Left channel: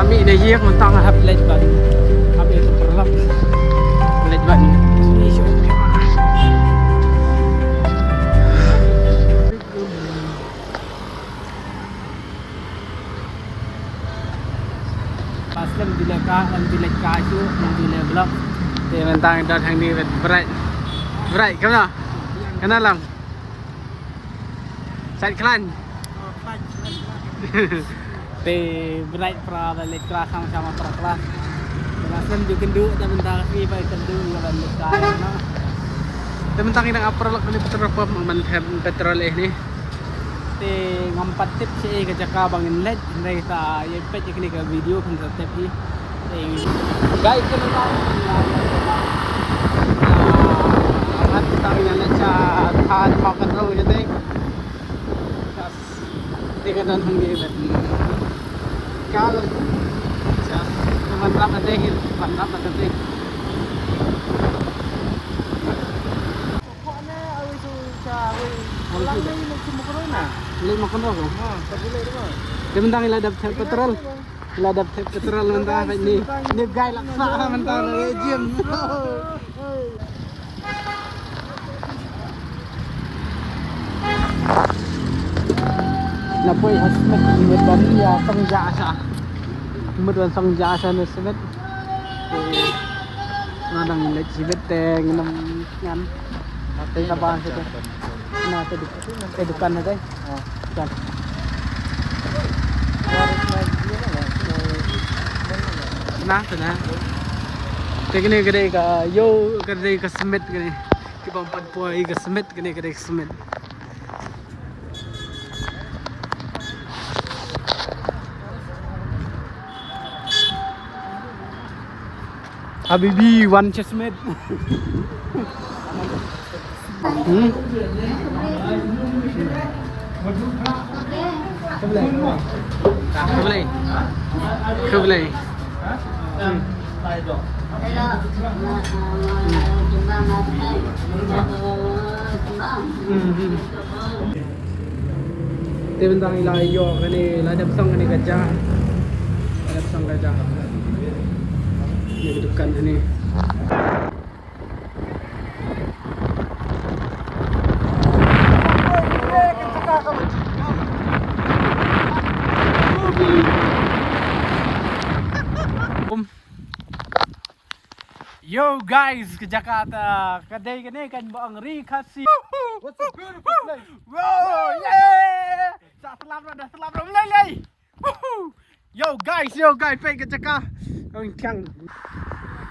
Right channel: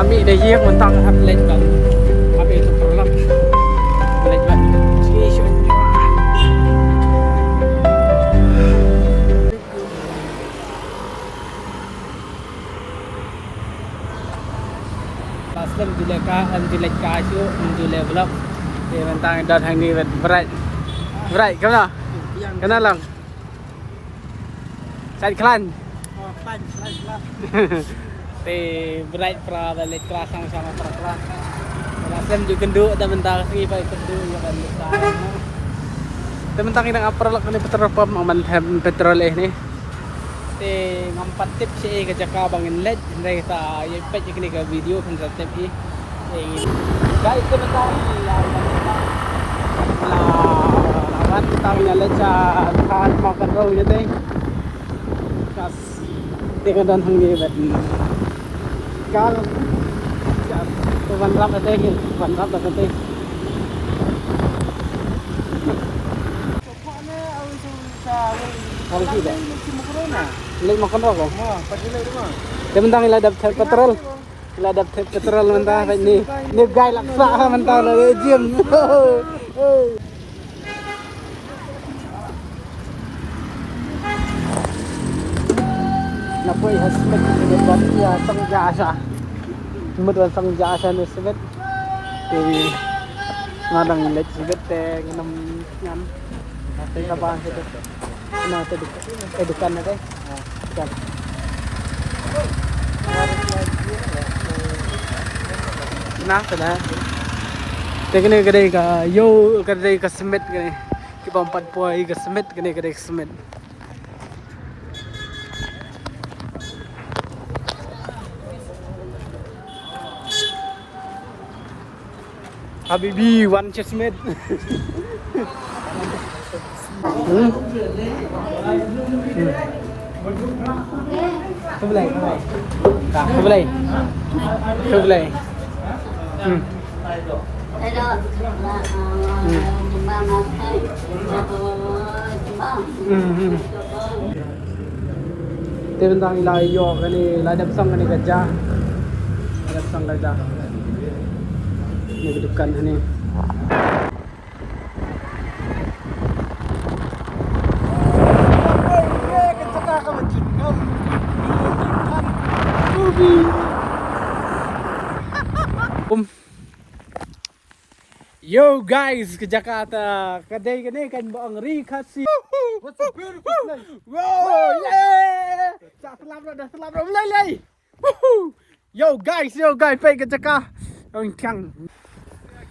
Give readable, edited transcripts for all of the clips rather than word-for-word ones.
kami dah hiang mentang hab late kan. Habis itu pulang. Late banget. Pasal dilek kayu, dilek vlog. Ini tentang datang ni berat. Berat, kemana? Kena lang. Saya klan. Oh, klan. Te berat pra balik kelas sama-sama pra kelas. Rasem juga kenduk dan bentar ni pai kenduk yang balik kelas. Tementang inang apa lak ni petrol pump aman petrol ni. Te ngampat tip si ke jaka bangin led ndai ta ye pet ni ke video pun tip ni. Guys pun nak ya awan tahu ya leca than makan rau je teh. Tas tengah dan hangge bet. Kalau tuan rap ada ni, tuan rap ada ni. Pokoknya awal tu sahur. Awal tu dah. Macam corona. Lagi makan rokok. Wah, tak boleh tu. Dia mentang iladap petrol. Iladap petrol mentah ni. Ni gai laksa mentah le gym. Nak pun hasmat ni dan ya sang jasa. Kemudian sang jasa ni sebet. Ini ngadang ilat sebet nginam nyan. Tengah bahan tu. Nah, tu dekat ni deh. Dekat. Kenapa? Teknik kedai ka, yo kedai ka semet kedai. Kita 4 poin ka semet kedai semet. Habibi one chestnut. Kebelai. Tentang ilai yo kani ladap sang kani gajah. Ladap sang gajah. Ni dekat ni. Yo guys, ke Jakarta. Kedai kene kan bang Rikasi. Wow, yeah. Selam mulai. Yo guys, pergi ke Jakarta.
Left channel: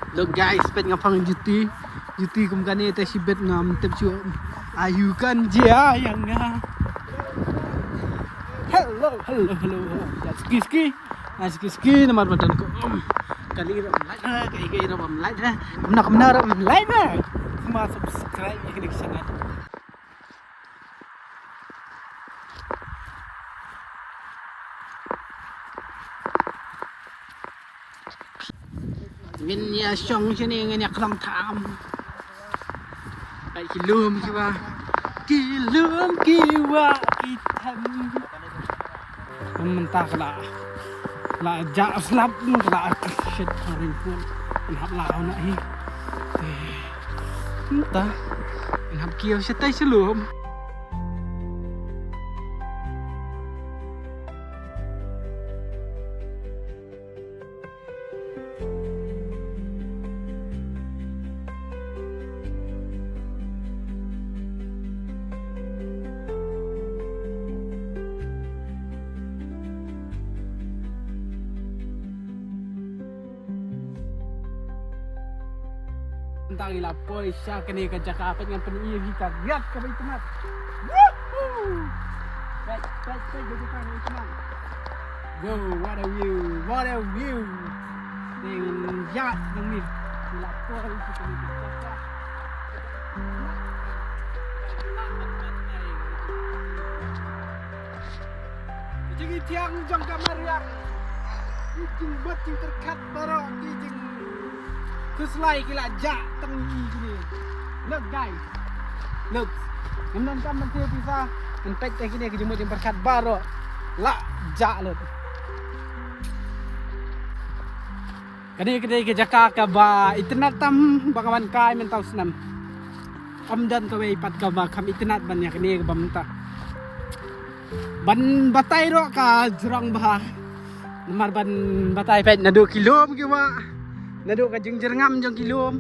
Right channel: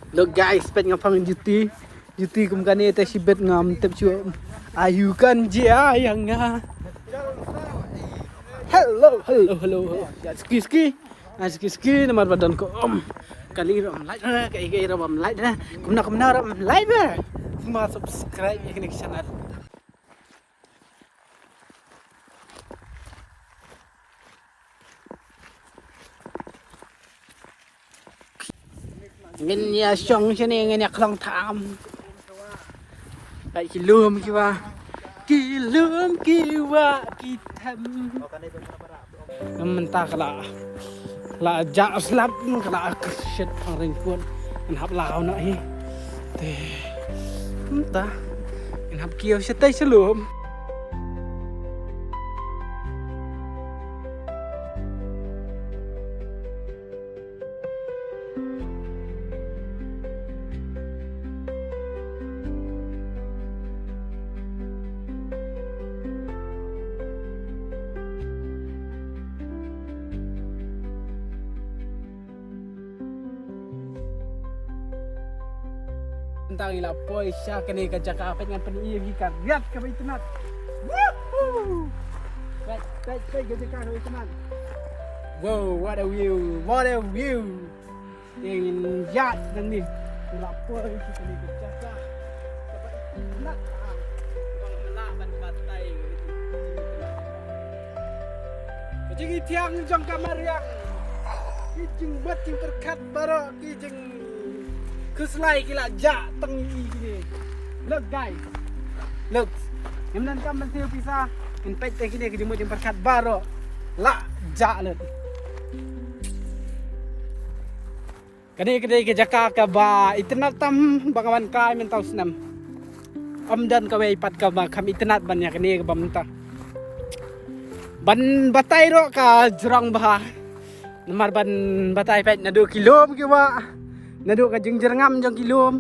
Look guys, pergi ngapang duty kum kan ni sibet ngam tep chu. Ayu kan dia yang nga. Hello. Ski nomor badan ko. Kali ram like kai ram like kumna ram like semua subscribe ini ke channel. Ngin ya song sini ngin ya kelong tham. Kai kilum kiwa itam. Mentah la ja slap la set paring pun hab lao na hi te hab kieu setai selum. Tentang ila poisya kene ke Jakarta dengan penuh kita lihat ke teman. Woohoo! Baik ke Jakarta teman. Wow, what a view. Dengan yacht ni. Ila poisya kene ke Jakarta. Jadi tiang jang kamar yang kijing buat yang terkat baru kijing keselai kila jak tengi gini. Look guys. Look. Kemudian kan menteri bisa impact gini ke jemut yang berkat baru. La jak look. Kani ke Jakarta ba internet tam bakawan kai mental senam. Dan kawai pat ka ba kam internet ban ya kani ke bamta. Ban batai ro ka jurang bah. Nomor ban batai pet na 2 kilom ke ba. Na 2 ka jeng-jerngam jeng kilom.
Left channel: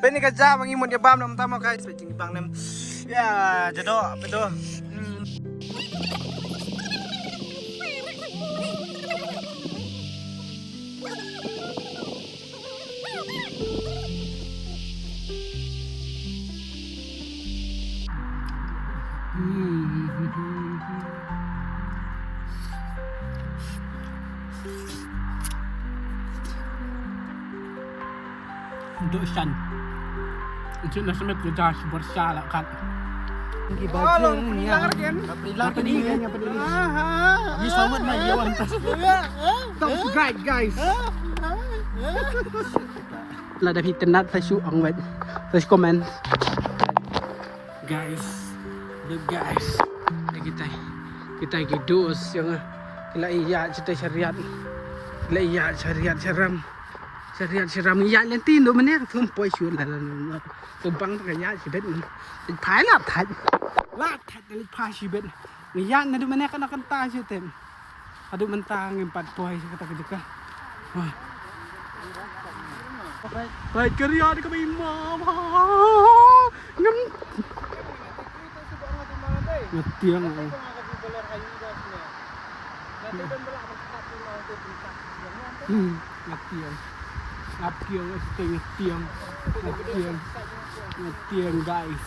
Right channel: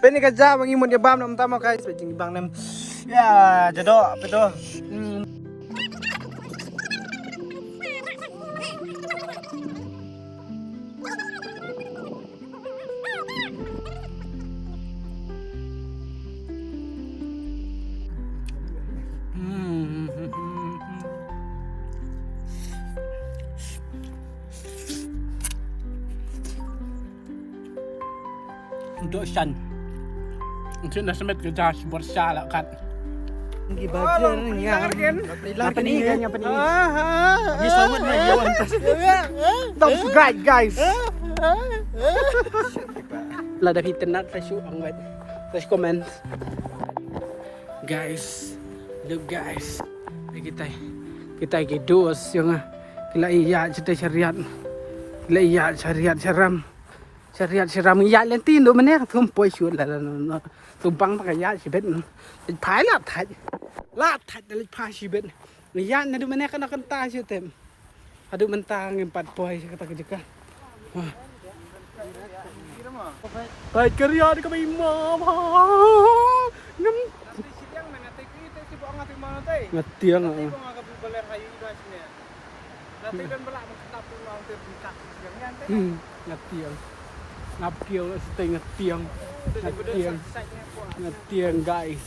Pwede ka dyan, bang imon yabam na tama guys. Pwede bang nam. Ya, jado, apa itu? Untuk san. Untuk nasamet ke jas bersala kan. Pergi baju ni yang Apa ni kan apa ni? Ni sawat na yawan tas. Don't subscribe guys. Lah dah internet saya shoot ang web. Saya komen. Guys, look guys. Kita hidup yang kila iya cerita syariat. Kila iya syariat seram. Syariat seram iya lentin do mana tumpoi shoot lah tumpang pakai iya sibet ni. Phai lah thai. Lah thai dari phai sibet. Ni iya na do mana kan akan ta shoot tem. Aduh mentang 4 poi kata juga. Baik kerja di kami mama. Ngetiang. Ngetiang. Ngapkiang stay ngetiang. Ngetiang guys.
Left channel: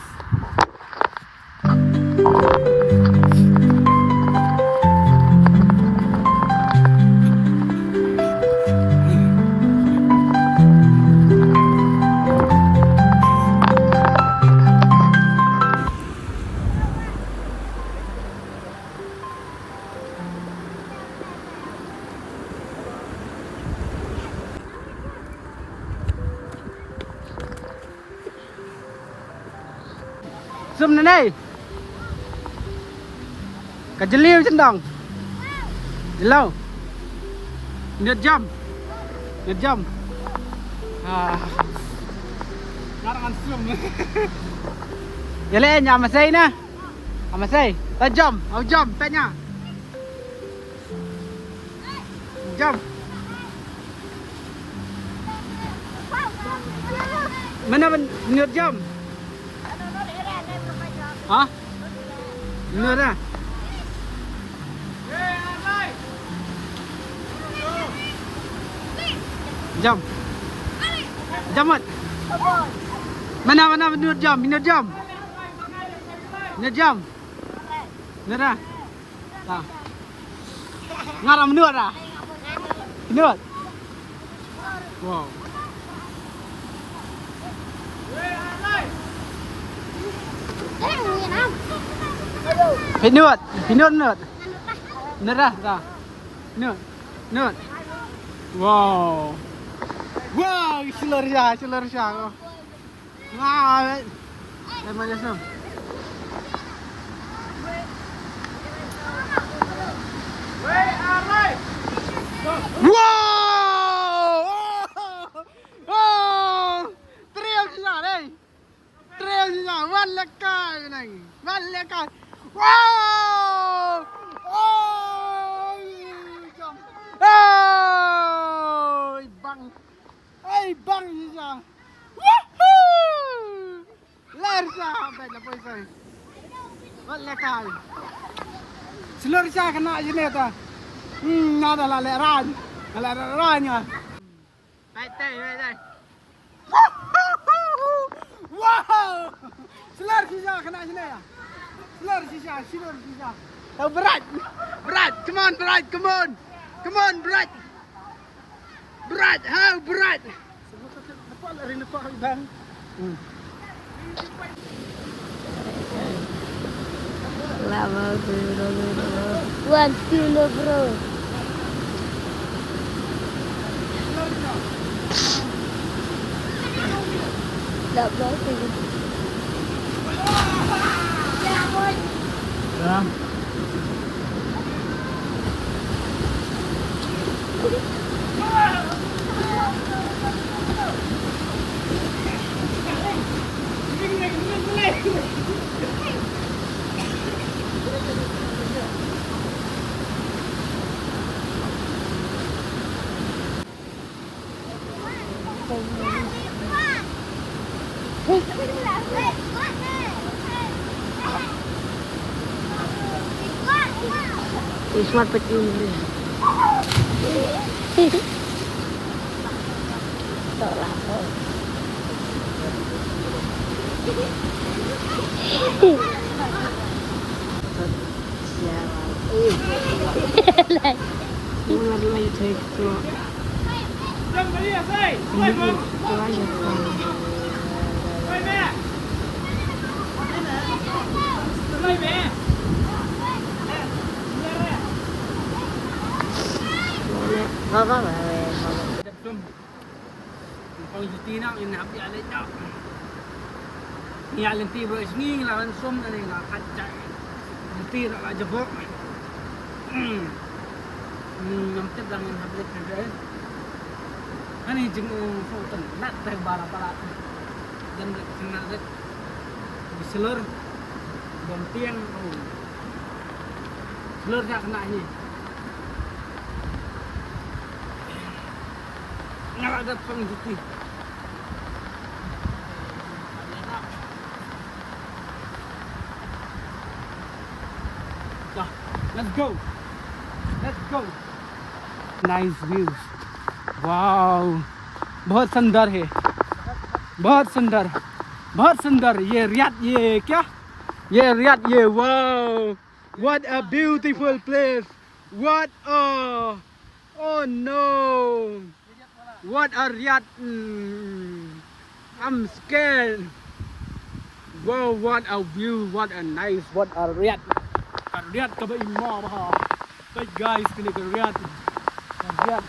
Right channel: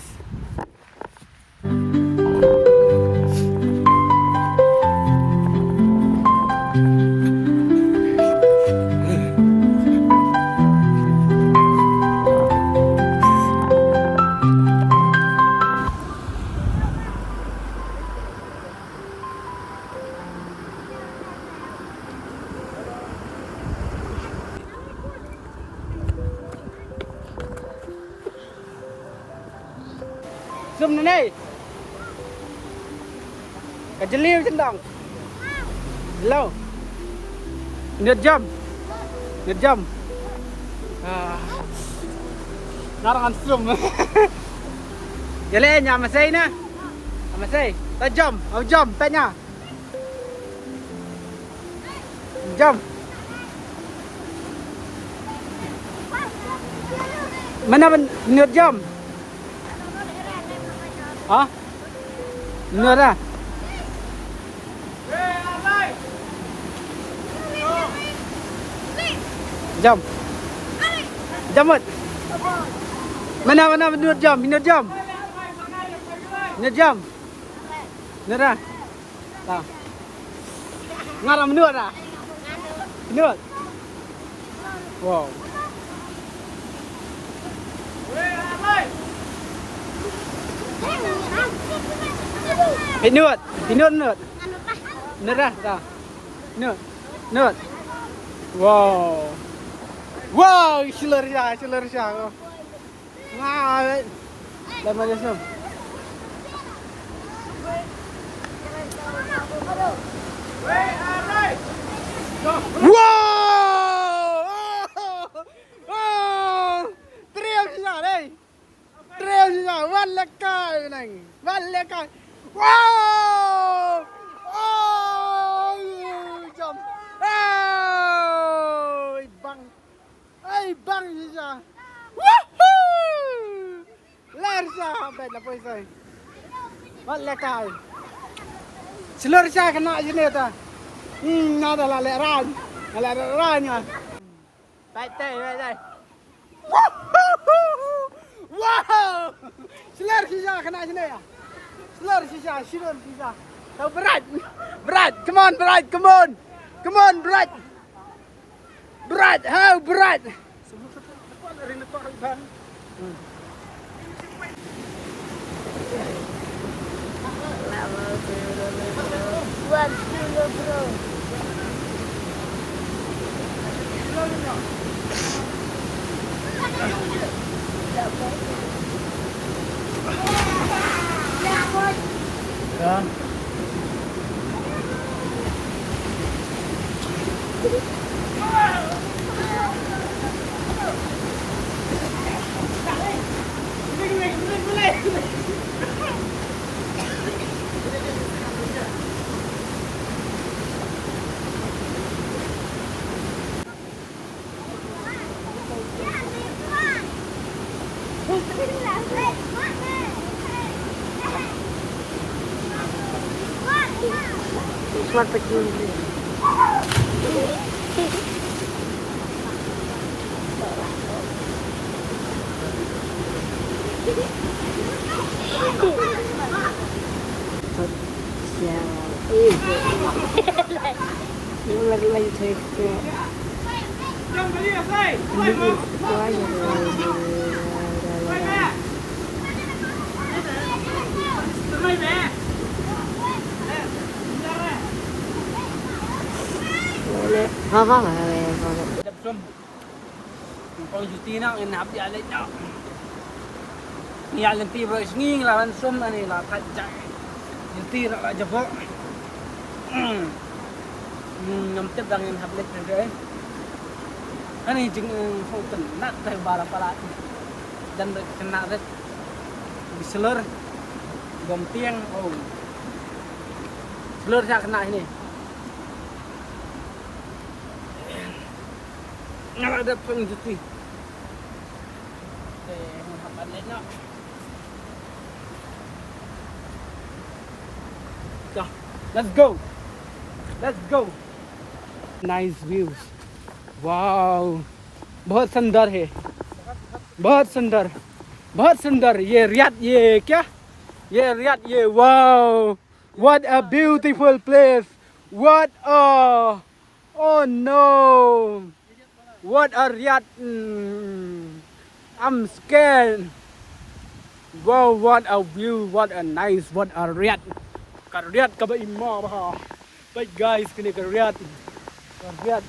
Zoom này cả chân liêu chân đồng lâu nượt jam ngarang zoom gale nya masay na masay ta jam ta nya jam mana nượt jam hả? Ngựa ra. Jam. Jam mất. Mana menurut jam. Nửa jam. Nửa ra. Tao. Ngarang menurut ra. Menurut. Wow. Hãy nượt ra ra nượt wow seluruh syah wow dah macam tu wow teriak syah đây van lekai này wow jom bang syah ler syah bet la poi sai van lekai seluruh syah kena je ni ta ada la lerannya đây wow seluruh syah kena je ni ya seluruh syah berat come on berat how berat Lama bro. 1 kilo bro. Dah berapa? Dah. Smart pack yun din. Ular lagi take to. Ini aja kan. Boleh. Apa? Dabsum. Ang pangjuti na ang nabi alay na. Iya lenti bro isnging lawan sum ani la kajak. Lenti ra la jabo. Ngamtip lang yung hablet na dyan. Ano yung jing fountain nat tayo bala pala. Dan kena red. Diselur. Dom tiang. Oh. Selur siya kena ini. Nggak ada pengjuti. Let's go. Let's go. Nice view. Wow. बहुत सुंदर है. बहुत सुंदर. बहुत सुंदर. ये रियाद ये क्या? ये रियाद ये wow. What a beautiful place. What a oh no. What a Riyadh. I'm scared. Wow, what a view. What a nice. What a Riyadh. Ka Riyadh ka ba imo ba? But guys, kini ka Riyadh. Ka Riyadh.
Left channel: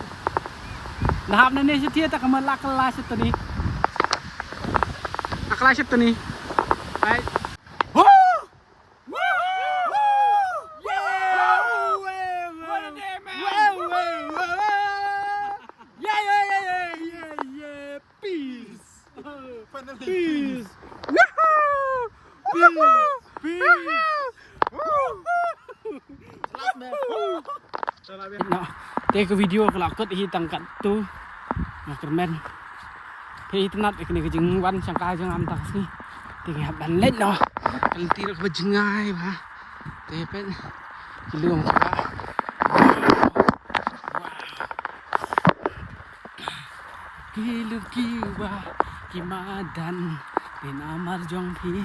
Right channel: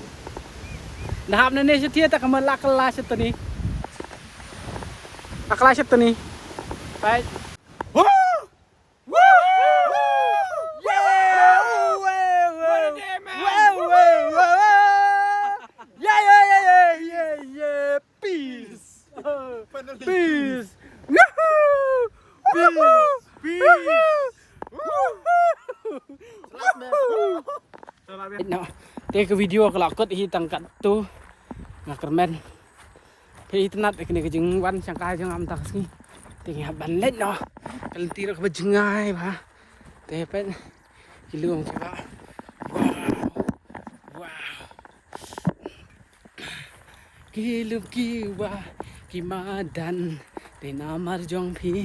Nahap na ni siya tiya ta kamala kelas ito ni. Kelas ito ni. Right? Woo! Woo! Peace! Yahoo! Peace! Peace! Take a video kalau aku hitang kat tu, nak kermen. Tapi itu nak kena kejengwan sangka jangan tak sih. Tinggal balik no. Kalau tidak kejengai bah. Tepet belum. Wow. Kilup kiwa kimadan tinamar jong pi.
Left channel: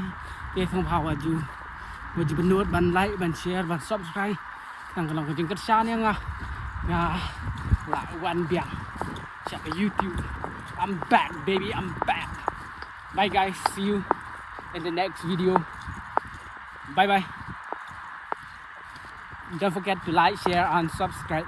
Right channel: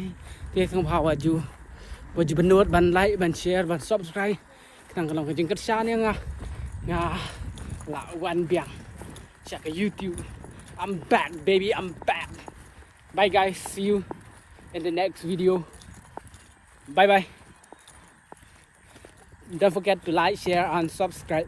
Dia không hawa ju. Wajib benut ban like ban share ban subscribe. Nang kalau kejeng kerja ni ngah. Nah, lah one biang. Siapa YouTube? I'm back, baby. I'm back. Bye, guys. See you in the next video. Bye, bye. Don't forget to like, share, and subscribe.